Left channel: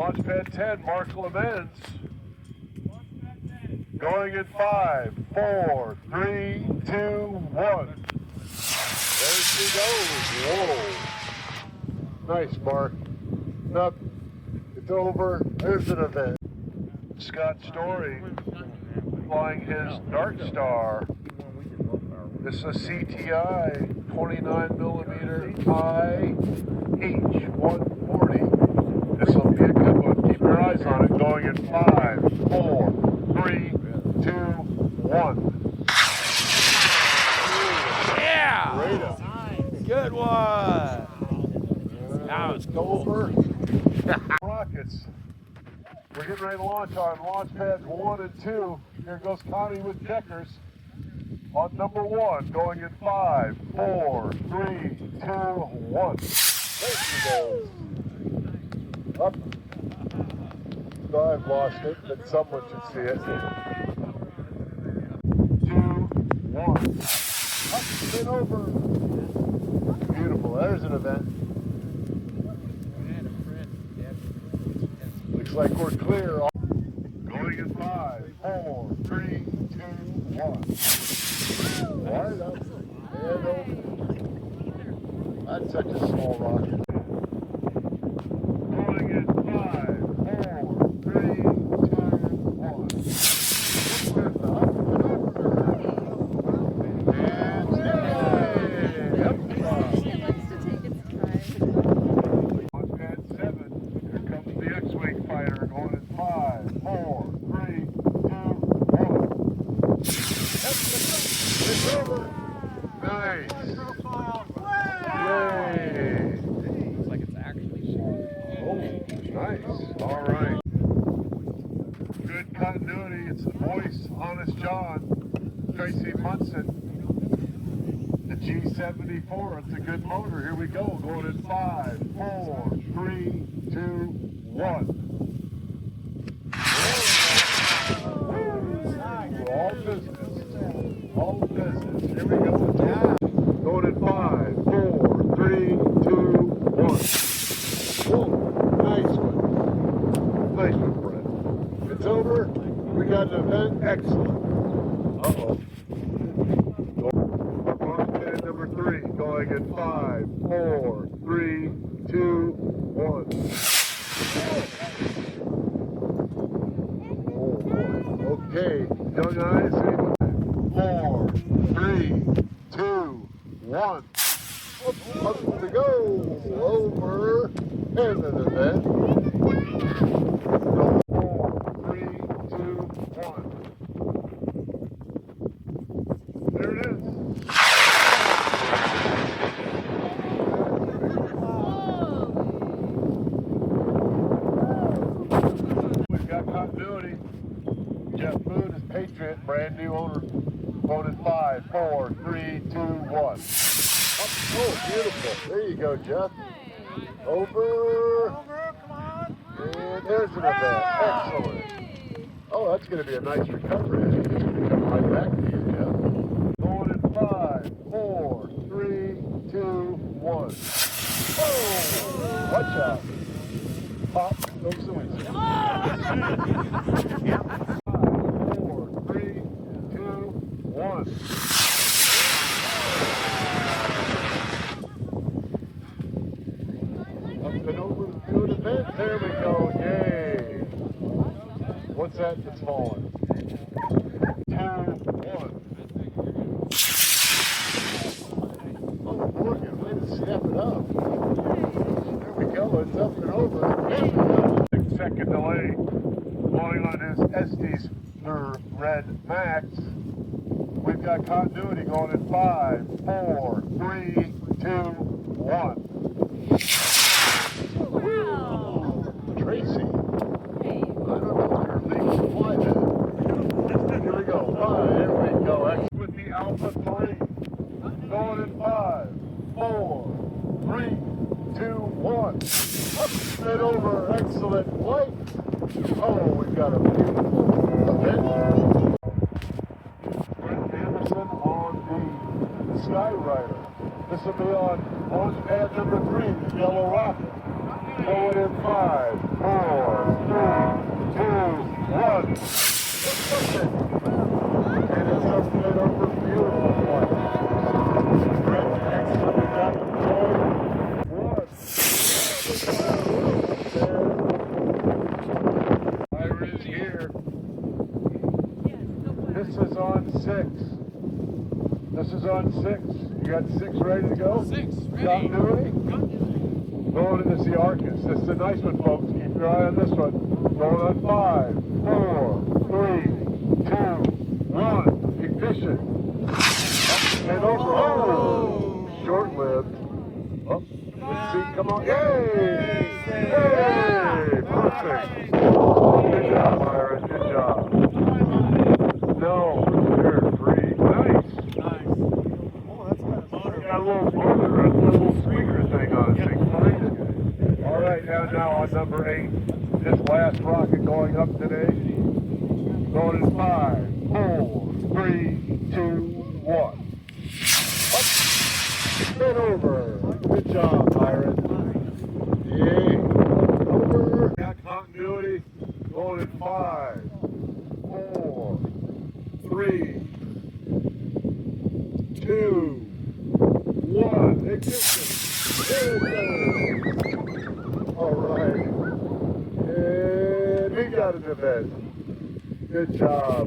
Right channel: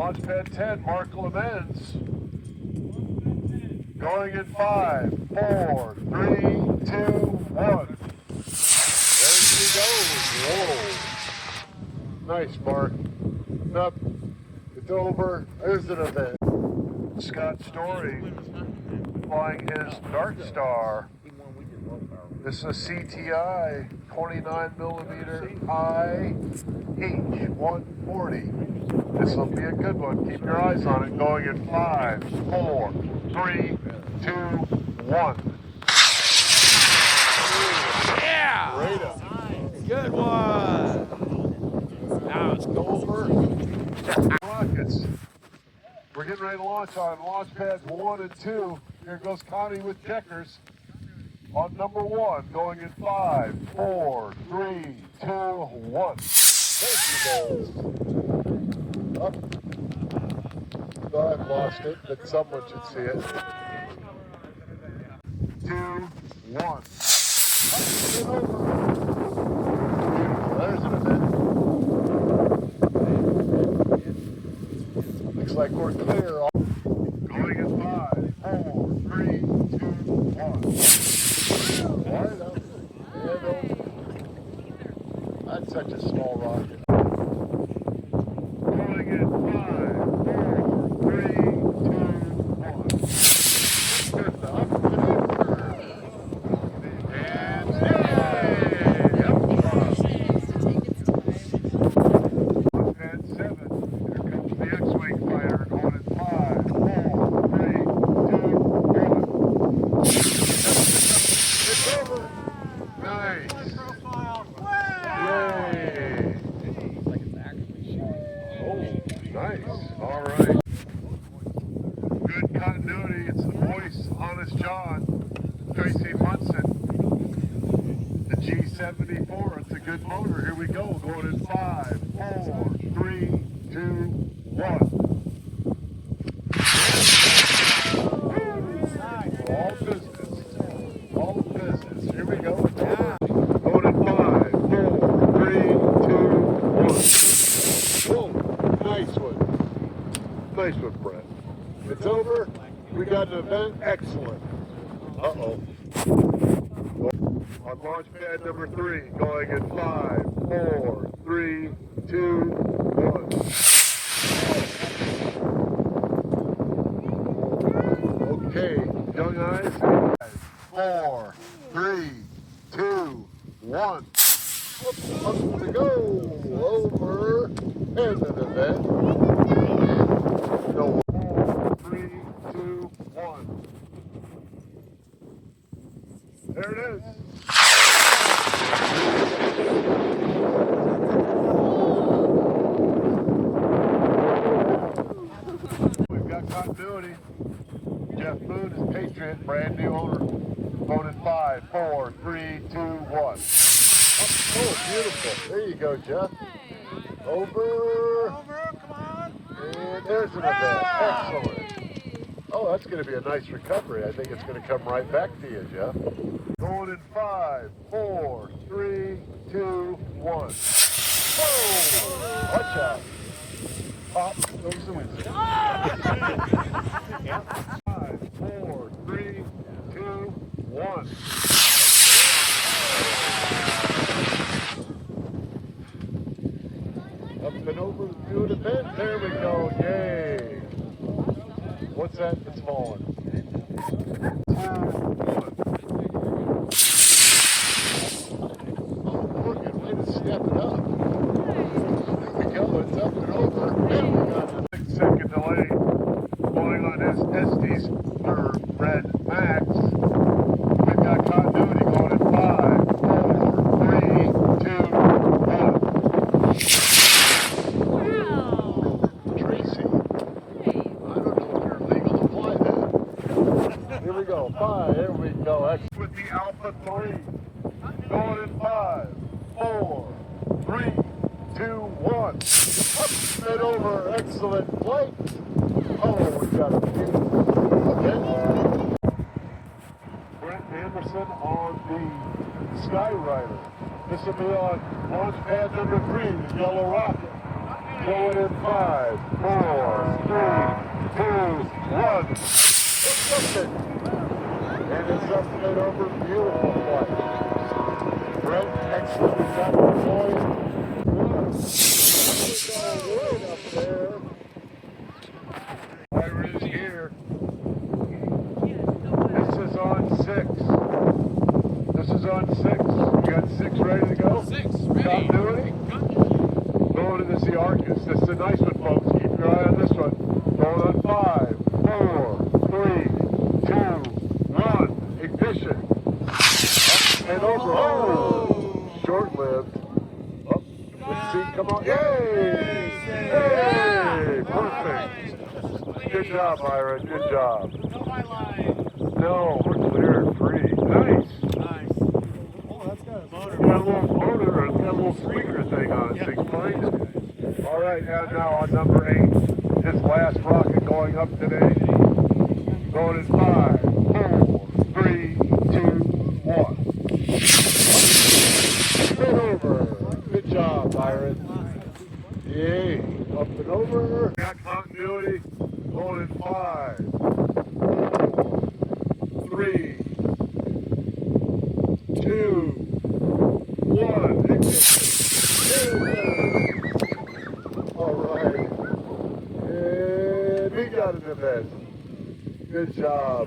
Launch pad 10, Mark Lemens. Going in 5, 4, 3, 2, 1. There she goes. Whoa. Nice, Mark. Up. It's over. There's an event. Scott Story flying his Darkstar. This is a CTI 29mm IH-140. This will be a good one. Keep your eyes on it. Going in 5, 4, 3, 2, 1. Yeah! Great up. Good one. Now it's over. Rockets. We're getting ready to launch on launch pads 1 and 2. Here goes Connie with checkers. On number 1, going in 5, 4, 3, 2, 1. There she goes. Up. No, I've lost it, but someone should see it. 2, 1. Up and over. Beautiful. There's an event. Looks like we're clear. Going in 5, 4, 3, 2, 1. Right up. That's such a small rock. Going in 5, 4, 3, 2, 1. And 7. Here comes the X-Wing fighter. Going in 5, 4, 3, 2, 1. Nice. Yay. Looks like it's actually shooting. Oh, nice. All right. Good continuity. It's the voice, Honest John, Tracy Munson. The G74. It's a good motor. Here we go. Going in 5, 4, 3, 2, 1. All business. All business. Here we go. Going in 5, 4, 3, 2, 1. Whoa, nice one. Nice one, Brett. It's over. We got an event. Excellent. Uh-oh. Our launch pad number 3 going in 5, 4, 3, 2, 1. Okay, young eyes. 4, 3, 2, 1. Up to go. Over. There's an event. Go. 4, 3, 2, 1. There it is. We've got continuity. Jeff Moon is Patriot, brand new owner. Voted 5, 4, 3, 2, 1. Oh, beautiful. There you go, Jeff. Over. Come on. And there's an event. Excellent. Oh, that's going to be a nice recovery. I think it's going to come right back to you, Jeff. Going in 5, 4, 3, 2, 1. Oh, watch out. Pop, there's the wings. 5, 4, 3, 2, 1. Up and over to an event. There we go. Yay. What's that? It's falling. 2, 1. Oh, look, good way to step it up. There we go. It's up and over. 6-second delay. Going on his Estes or Red Max. We've got continuity going in 5, 4, 3, 2, 1. Tracy. Here we go. 5. Here we go. With the Alpha 3. Going in 5, 4, 3, 2, 1. Up and over. Excellent flight. Oh, we've got a beautiful event. Brent Anderson on the Skyrider. This will be on launch pad number 3, Yellow Rocket. Going in 5, 4, And it's just made over. Beautiful flight. Right, excellent. We got it going. Fire is here. This is on 6. This is on 6. You got 6 ready to go? 6, ready. Continuity? Going into the Arcus. This is a nice one, folks. Keep your eye on this one. Going on 5, 4, 3, 2, 1. Ignition. And over. Oh! Short-lived. Oh, let's see. Come on. Yay! Yay! Perfect. Good job, Iris. Good job. No, there. 3. Nice. Got a little speaker thing on this thing. All right, now on number 8. This last rocket going up today. Going in 5, 4, 3, 2, 1. Over. Good job, Byron. Yay. Up and over. Got continuity. Going in 5, 4, 3, 2, 1. Ignition. All right. And he got it in bed. Good job.